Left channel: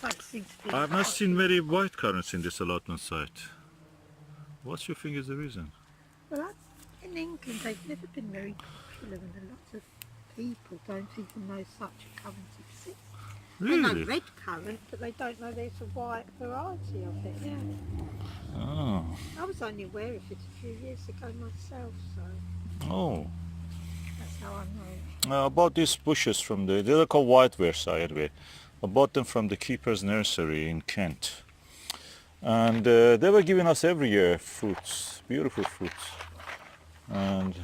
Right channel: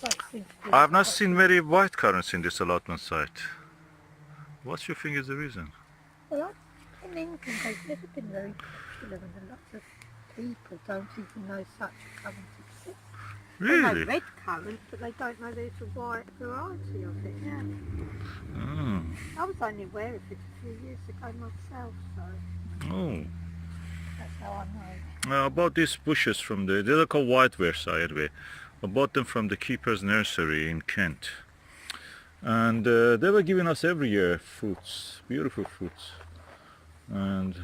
don't seem to be. I've not seen many white currants in this allotment site. What do you think is the reason? Well, in England, they've never been very popular, and lots of people don't even know such a currant exists. They know Really? red currant, but they don't know there's a white variety of it. Yeah. Oh. I was only aware of it a few years ago myself, so Oh. that's how I know. I bought these bushes from they're called white Versailles anyway. I bought them from the keeper's nursery in Kent. And they were giving us every year fruits, beautiful fruits. And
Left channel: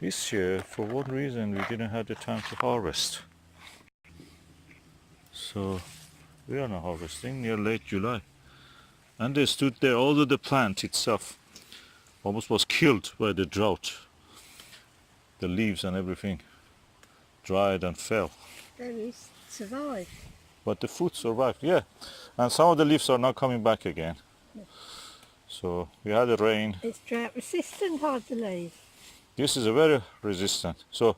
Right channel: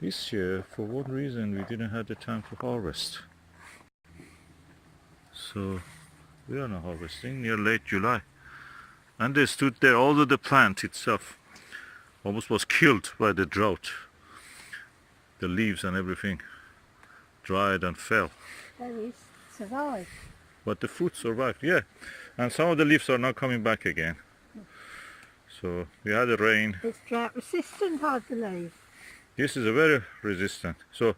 this year, for one reason, we didn't have the time to harvest. So we are not harvesting near late July. And they stood there, although the plant itself almost was killed by the drought. The leaves and everything dried and fell. Berries survive. But the fruit survived, yeah. And some of the leaves are now coming back again. So we had the rain. It's drought resistant, I believe. This is a very resistant. So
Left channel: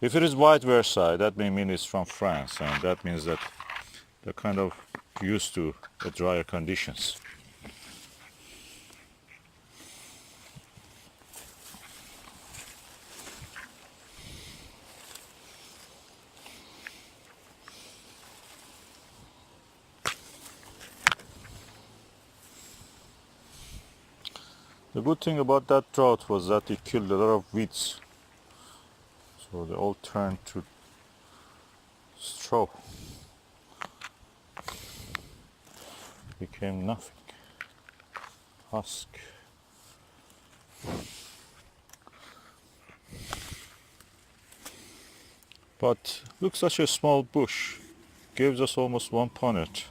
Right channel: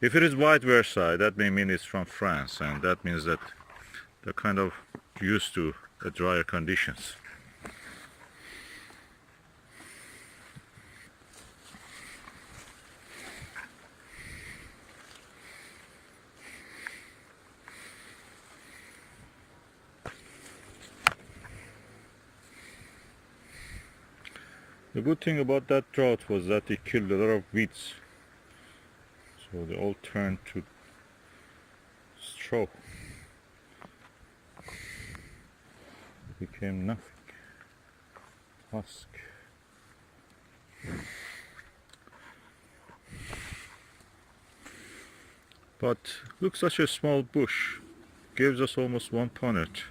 if it is white Versailles, that may mean it's from France, and that means that they're kind of used to the drier conditions. The good thing about that drought was that it killed a lot of weeds. So they all turned to straw. Became nothing. Husk. But look, such a small bush gives us almost one punnet.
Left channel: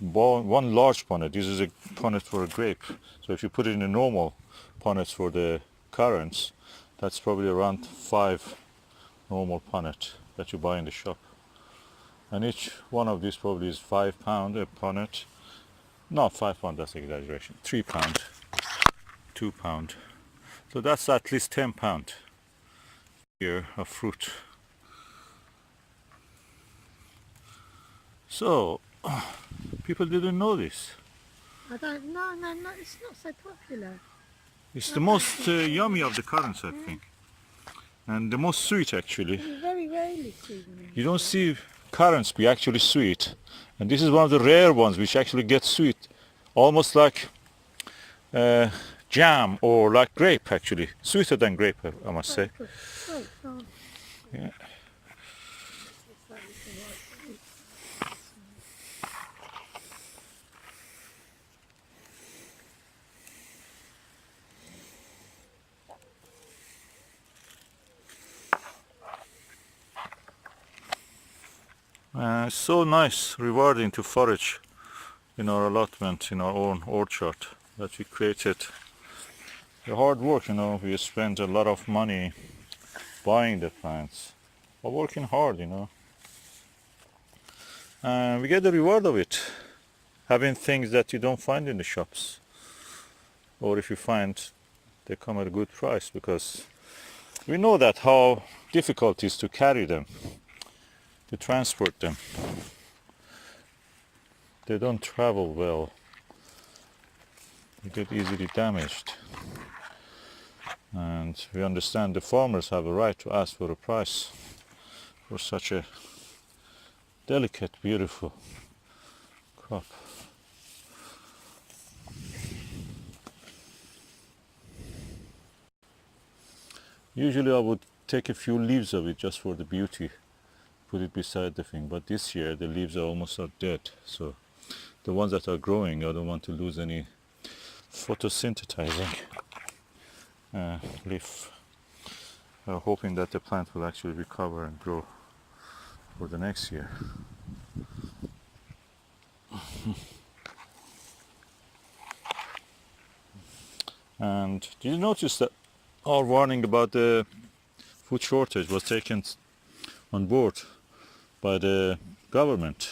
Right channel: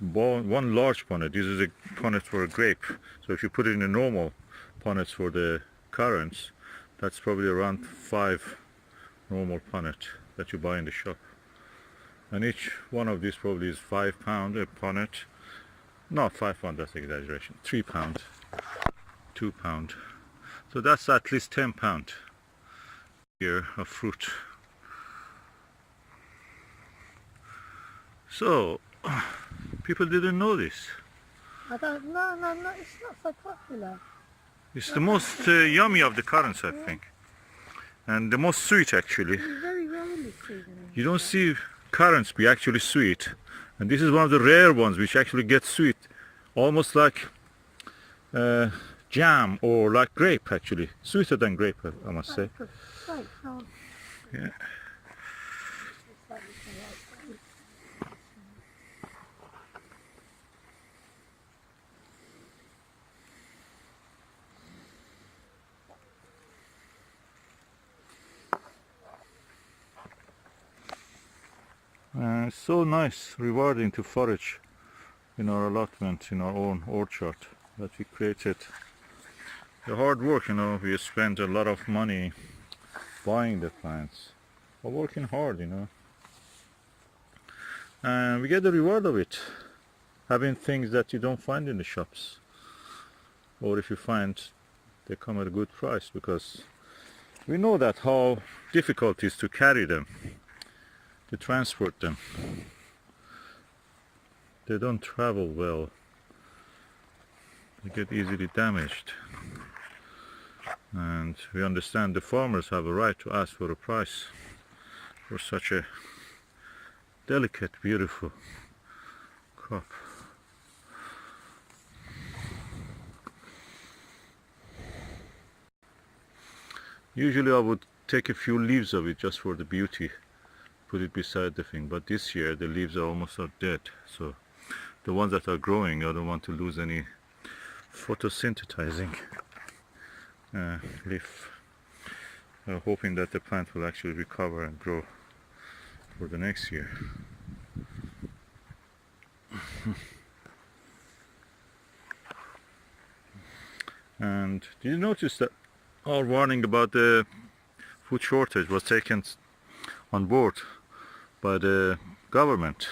One large punnet. This is a punnet for a grape. So if you put it in a normal punnets for the currants, that's probably around 5 normal punnet that you buy in the shop. And each one of these probably is £5 a punnet. Not £5, that's exaggeration. £3, £2. So that's at least £10 here of fruit. So people didn't know this. I don't know, no, it's not so popular. It's the most yummy of the currants, I think. And the most sweet, actually. You very rarely see them. You don't see currants be actually sweet. And this is one of the rare ones which actually gets sweet. Almost like jam or like grape, actually. Sweeter than grape, I must say. Yeah. It's so nice, rewarding to forage in our allotment, in our own orchard that we created. The hard work, we spent a lot of money buying the plants, but working hard, and we get the reward of it, having things that you don't find in the shops, or if you find, they come at a good price, because we know that how difficult it is to carry them, to transport them. They don't travel well. They get easily damaged. And we understand the farmers have a right to ask for a price for such a delicate, beautiful crop. Usually I would take a few leaves of it just for the beauty, put it beside the thing, but this year the leaves are almost dead, so the ones that are growing, I don't want to lose any photosynthesizing leaf. Hoping that the plant will actually recover and grow for the next year. And did you notice that our warning about the food shortage was taken on board by the government?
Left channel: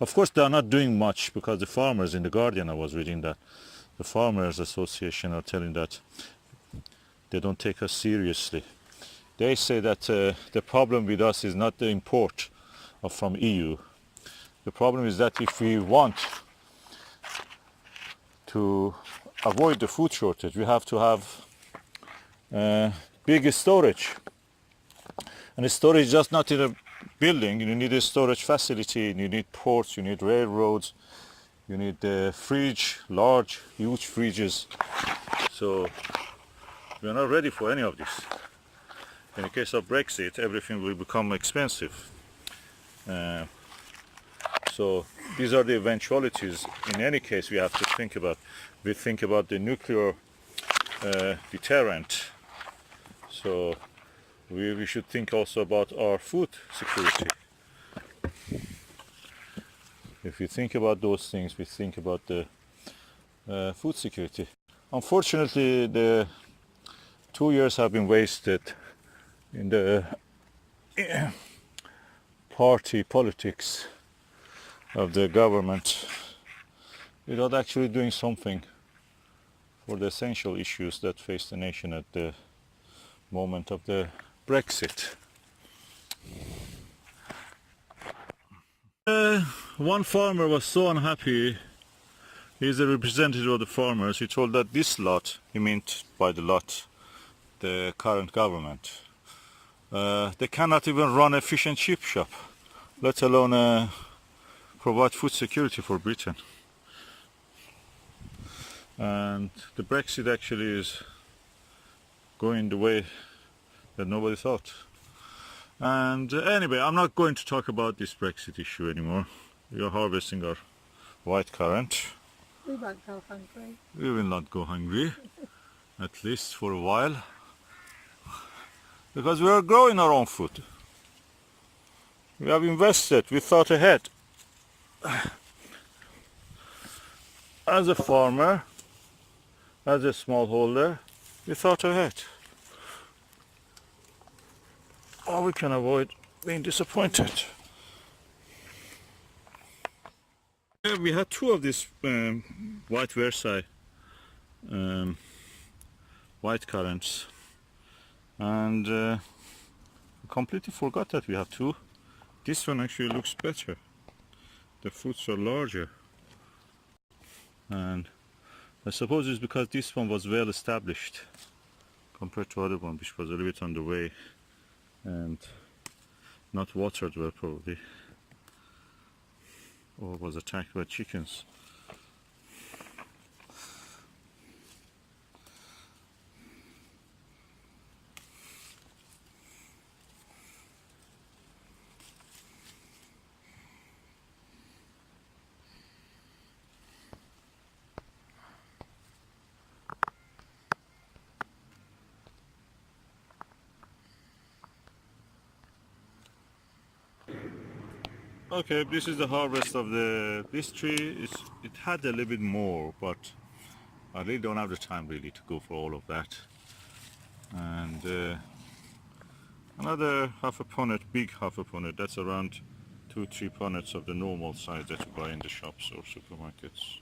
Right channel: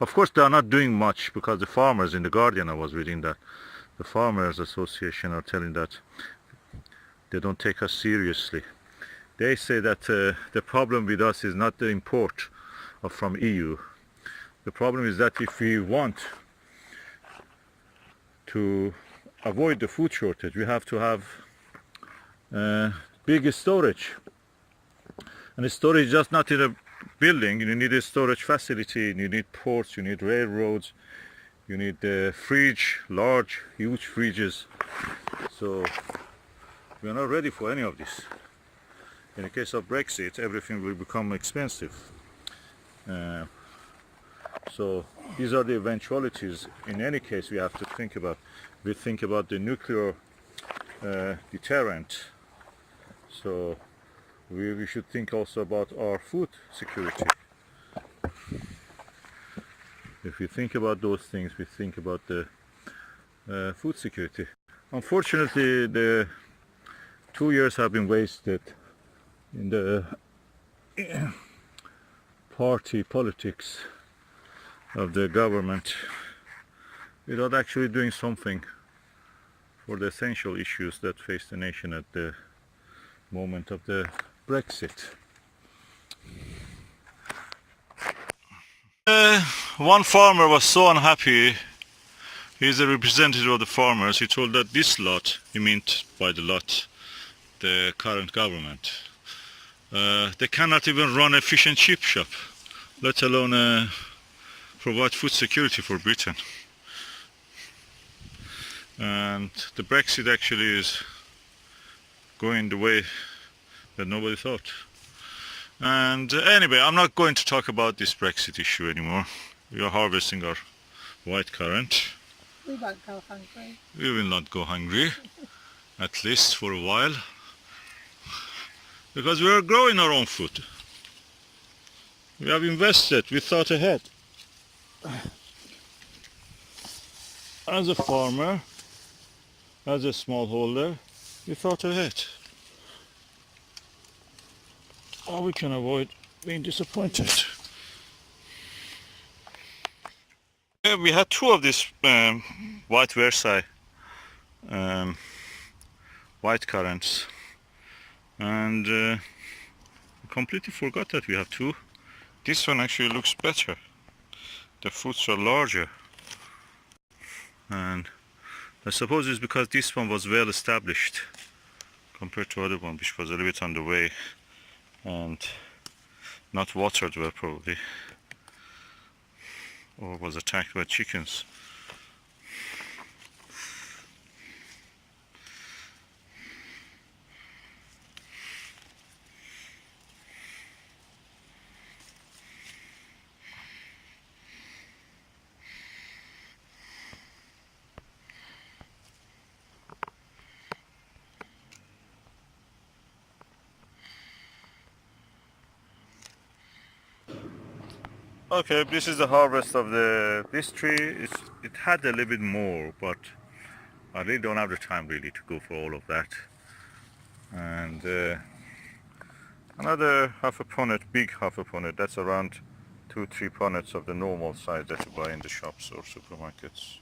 Of course they are not doing much, because the farmers, in the Guardian I was reading that the Farmers Association are telling that they don't take us seriously. They say that the problem with us is not the import from EU, The problem is that if we want to avoid the food shortage, we have to have big storage. And the storage is just not in a building. You need a storage facility, you need ports, you need railroads, you need a fridge, large, huge fridges. So we are not ready for any of this. In the case of Brexit, everything will become expensive. So these are the eventualities. In any case, we have to think about. We think about the nuclear deterrent. So we should think also about our food security. If we think about those things, we think about the food security. Unfortunately, the 2 years have been wasted in the party politics of the government without actually doing something for the essential issues that face the nation at the moment of the Brexit. One farmer was so unhappy. He's a representative of the farmers. He told that this lot, he meant by the lot the current government, they cannot even run a fish and chip shop, let alone provide food security for Britain. And the Brexit actually is going the way that nobody thought. And anyway, I'm not going to talk about this Brexit issue anymore. We are harvesting our white currant. We won't go hungry. We will not go hungry, at least for a while, because we are growing our own food. We have invested, we thought ahead. As a farmer, as a smallholder, we thought ahead. Or we can avoid being disappointed. We had two of these white Versailles white currants, and we completely forgot that we have two. This one actually looks better. The fruits are larger, and I suppose it's because this one was well established compared to other one, which was a little bit on the way and not watered well probably, or was attacked by chickens. Okay, this is the harvest of this tree. It had a little bit more, but I really don't have the time really to go for all of that. And another half a punnet, big half a punnet, that's around 2-3 punnets of the normal size that you buy in the shops or supermarkets.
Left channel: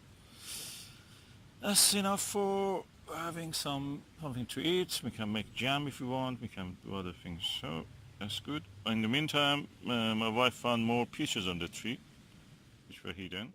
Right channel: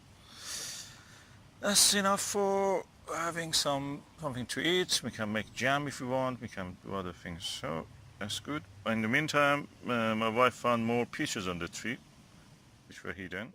That's enough for having something to eat. We can make jam if we want, we can do other things. So that's good. In the meantime, my wife found more peaches on the tree, which were hidden.